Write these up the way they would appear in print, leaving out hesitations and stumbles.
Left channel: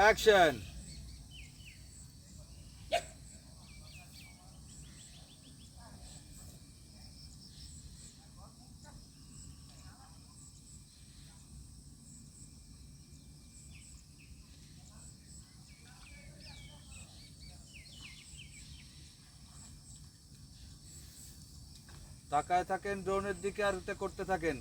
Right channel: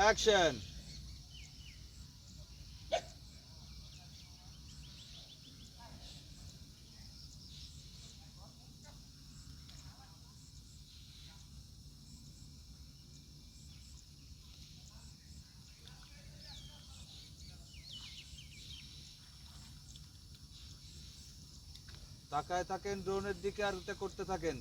অ্যাকশন। তাকায় থাকেন ড্রোনের দিকে আর এটা করতে থাকেন।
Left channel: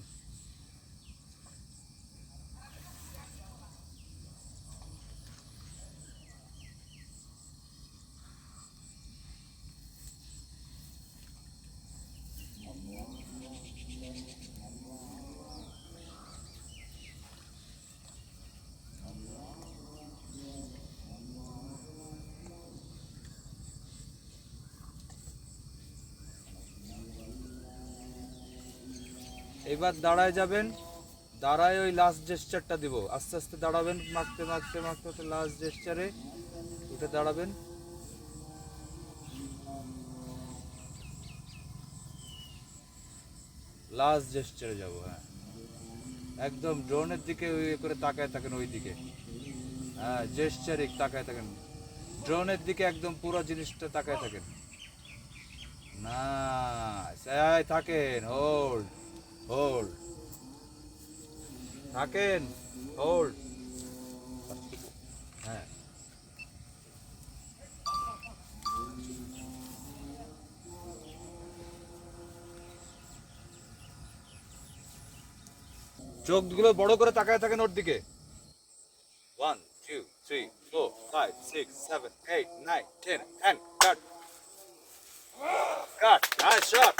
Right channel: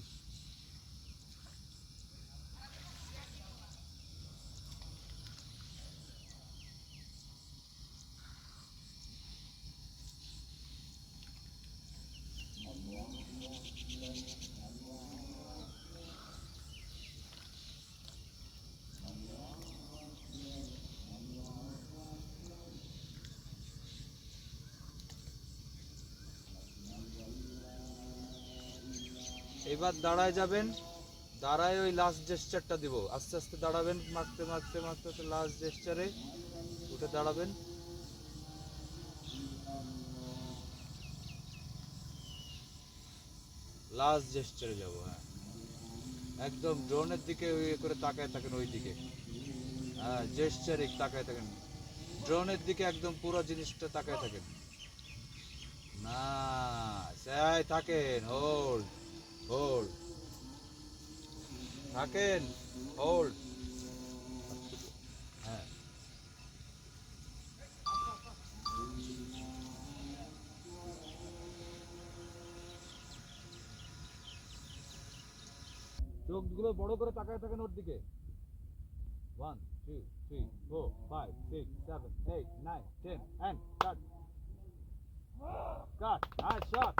এবার দাঁড়ায় যাবেন, দাঁড়ায় ওই লাস্ট জেস্চারটা দিব, আস্তে আস্তে দাঁড়াবেন, মারতে মারতে মারতে লাস্ট জেস্চারে উঠে দাঁড়াবেন। লাস্ট জেস্চারে যাব। হ্যাঁ, একদম ড্রোনের দিকে ওই করে তাকায় থাকেন, ওই দিকে। হ্যাঁ, জেস্চারে তাকায় থাকেন, ড্রোনের দিকে একদম পুরো জিনিসটা তাকায় থাকেন। না, থাকেন, হোল্ড হোল্ড থাকেন, হোল্ড। হ্যাঁ, চোখগুলো বড় করে তাকায় থাকেন ওর দিকে। 1 2 3 4 5 6 7 8 9 10 and cut. Cut. Nice shot.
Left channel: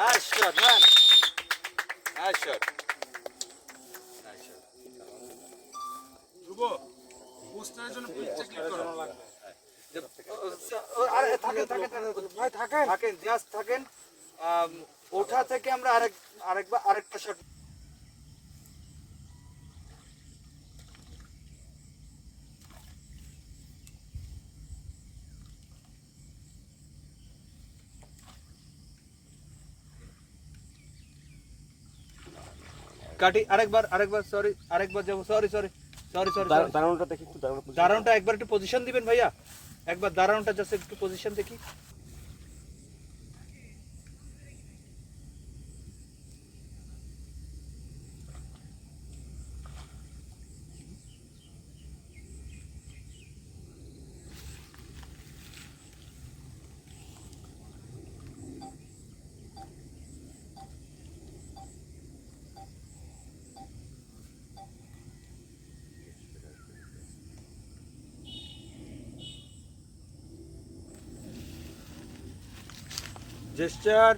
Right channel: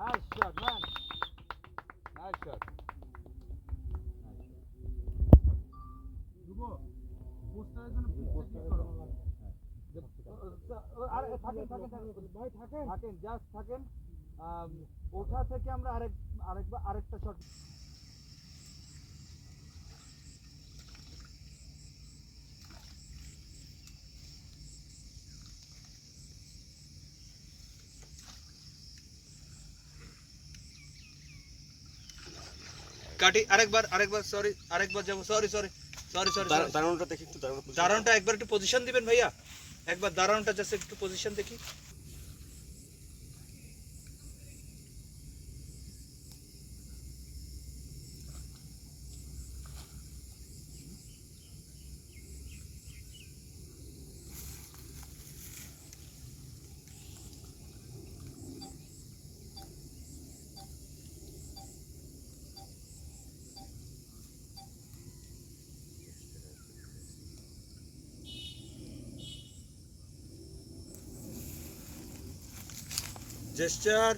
Nice shot, man. Nice shot. Nice shot. ধ্রুব পোস্টারের জন্য পিকচার ক্লিক করো। আরে ভাই থাকেন, থাকেন, জাস্ট থাকেন। ওঠা থেকে আমরা আরেকটা শট। কাটি আরেকবার সরি, আরেকবার যাবো, সরি সরি সরি সরি। দাঁড়ানোটা দেখি একটু, দাঁড়ানোটা একবার একটু পজিশন দিবেন ভাইয়া, একবার দাঁড়ানোটা জাস্ট একটু পজিশন দেখি। জেস্চার।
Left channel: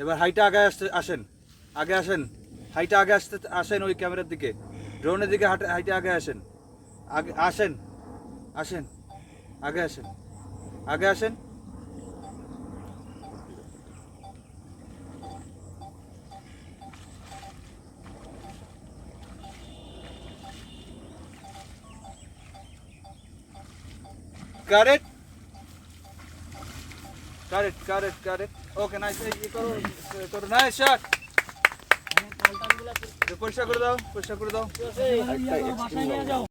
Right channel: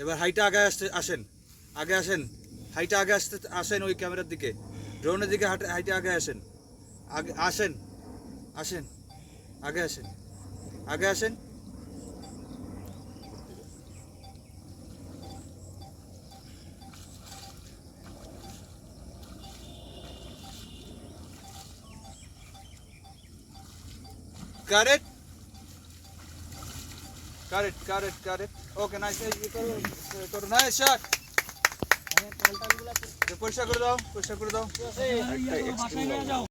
এবার হাইটা আগে আসেন, আগে আসেন, হাইটা আগে আসেন ওই ক্যামেরার দিকে, ড্রোনের দিকে হাইটা আগে আসেন, আগে আসেন, আসেন, আগে আসেন, আগে আসেন। Correct correct correct correct. Okay, nice. করো নাইস শট। পরিষ্কার করে দাও, পরিষ্কার করে দাও।